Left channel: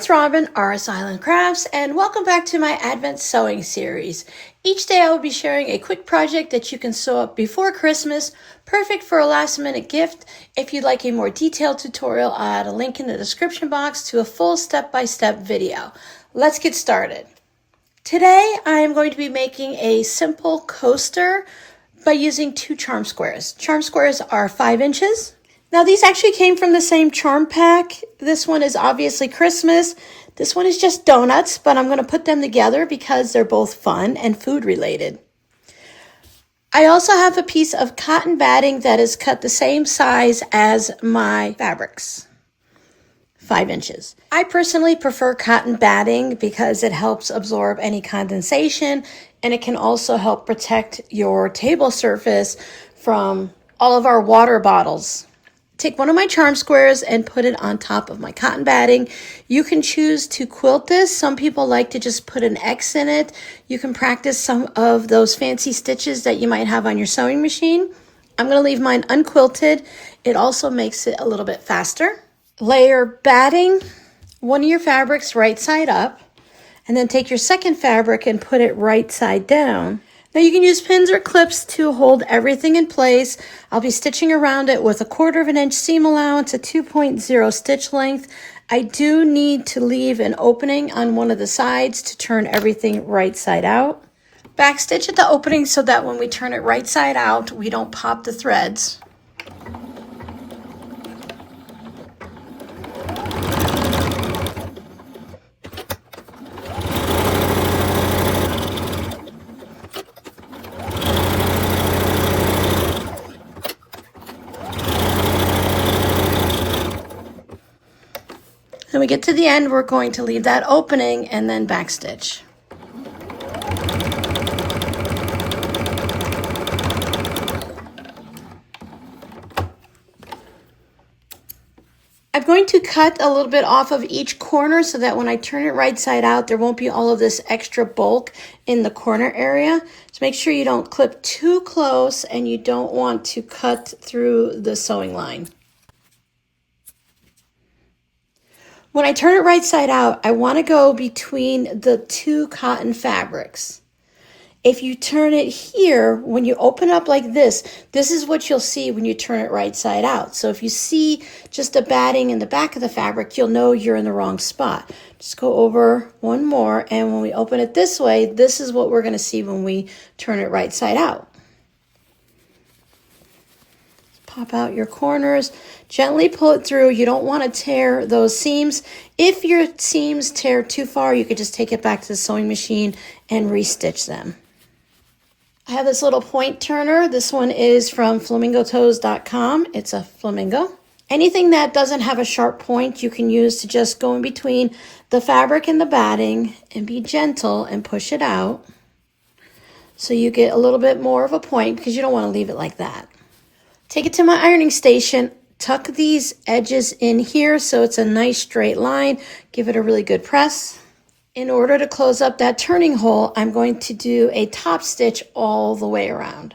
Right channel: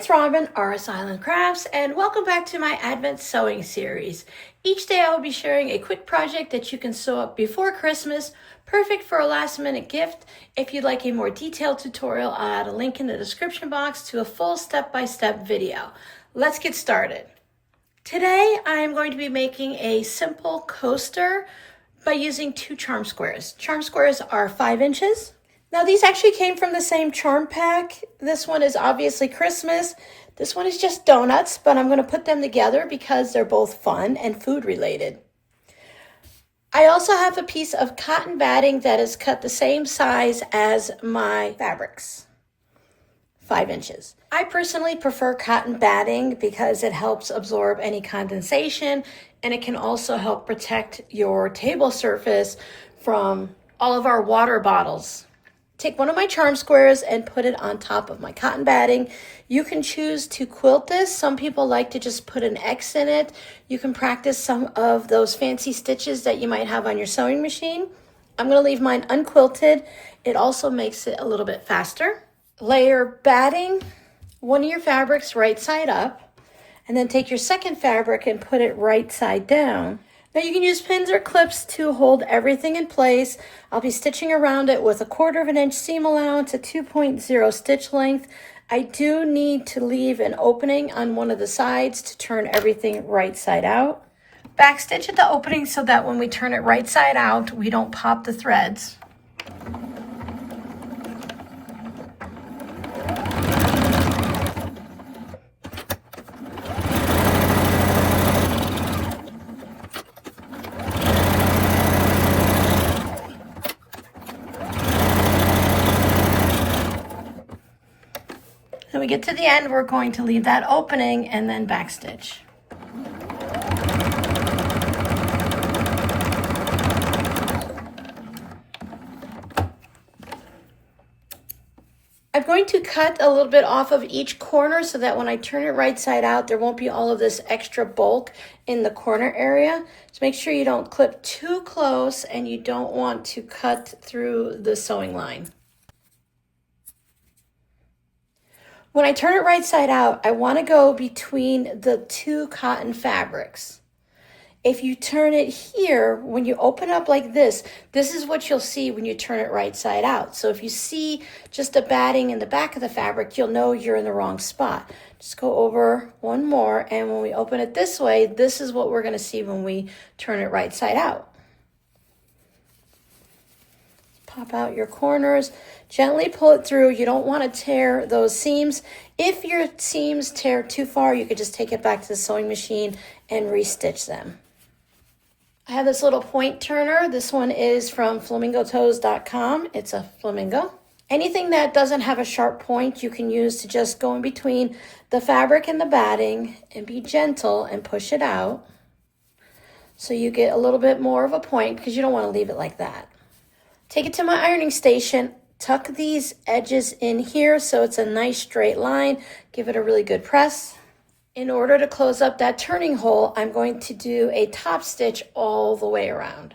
it's Robin, RS Island Crafts, and welcome back to my Advent sewing series. Each day I will be sharing a quick project that you can sew up before Christmas, perfect for a last minute gift. If you'd like a more detailed tutorial, I'll add a link in the description box to a full step-by-step video. Let's get started. Today I am going to be making a simple coaster by using 2 charm squares. Charm squares are 5 inches. Now these actually came from the same charm pack. This one is obviously Christmas. This one is just donuts, but I'm going to put them together because they're both fun and food related. I also have a piece of cotton batting that is cut the same size as my fabrics, 5 inches. I personally prefer cotton batting because it helps absorb any condensation, and it can also help protect your table surface from all of our water bottles. Take one of my charm squares and put it on top of my cotton batting. You can choose to quilt this. Some people like to just put an X in it. You can practice some of those fancy stitches that you might have on your sewing machine. I'm going to leave mine unquilted. It also makes it a little bit faster. Layer batting one of your fabrics right side up, and then take your second fabric and put it right side down. Now you can use pins or clips to hold everything in place. I'll be stitching around it with a 1/4 inch seam allowance, a 2.0 stitch length. I do need to leave an opening on one of the sides to turn everything right side out. Backstitch at the opening so that when we turn it right side out, we don't pop the threads. When we get to the end, we're going to leave that opening and then backstitch. I'm going to cut a little bit off of each corner so that when I turn it right side out, there won't be all of this extra bulk in the corner area. So make sure you don't clip too close and you don't want to cut through the sewing line. When I turn it right side out, I want to go between the 2 cotton fabrics. If you turn it here, when you open up like this is what you'll see when you turn it right side out. So if you see just a batting in the back of the fabric, you'll know you're in the wrong spot. Just go over one more, and when we open it this way, this is what we're going to see when we turn it right side out. Pop out your corners, gently pull it through. You don't want to tear those seams. If your seams tear too far, you could just take it back to the sewing machine and restitch them. I have this little point turner. This one is from flamingotoes.com. It's a flamingo. Anything that doesn't have a sharp point, you can use to just go in between the fabric and the batting and be gentle and push it out so you get a little bit more of a point, because you don't want to leave it like that. Take it to my ironing station, tuck these edges in here so it's a nice straight line. Give it a really good press. In order to close up that turning hole, I'm going to do a top stitch all the way around.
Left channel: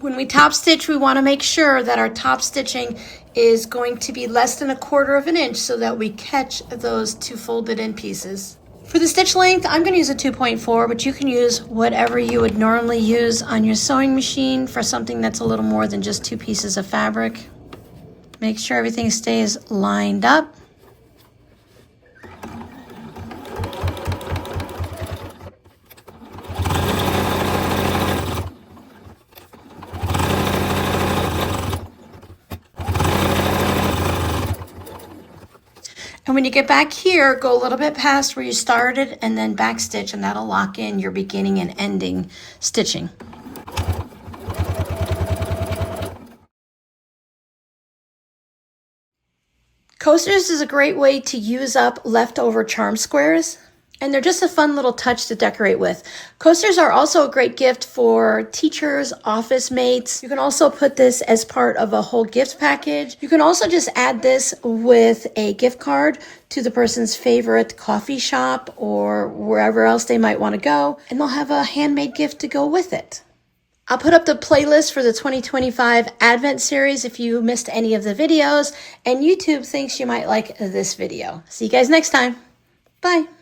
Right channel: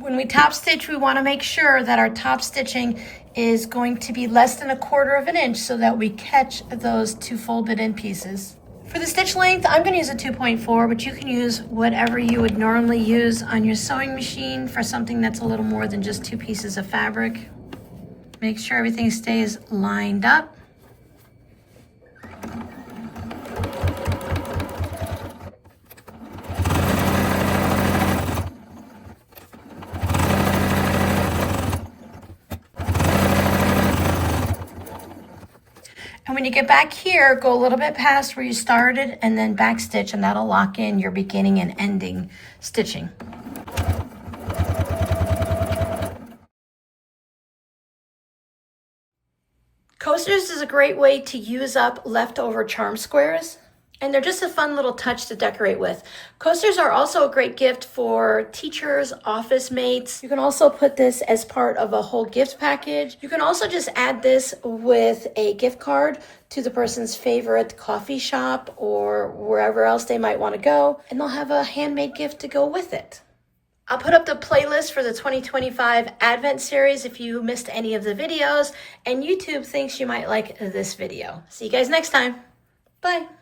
When we top stitch, we want to make sure that our top stitching is going to be less than 1/4 inch so that we catch those 2 folded in pieces. For the stitch length, I'm going to use a 2.4, but you can use whatever you would normally use on your sewing machine for something that's a little more than just 2 pieces of fabric. Make sure everything stays lined up. And when you get back here, go a little bit past where you started and then backstitch, and that'll lock in your beginning and ending stitching. Coasters is a great way to use up leftover charm squares, and they're just a fun little touch to decorate with. Coasters are also a great gift for teachers, office mates. You can also put this as part of a whole gift package. You can also just add this with a gift card to the person's favorite coffee shop or wherever else they might want to go, and they'll have a handmade gift to go with it. I'll put up the playlist for the 2025 Advent series if you missed any of the videos, and YouTube thinks you might like this video. See you guys next time. Bye.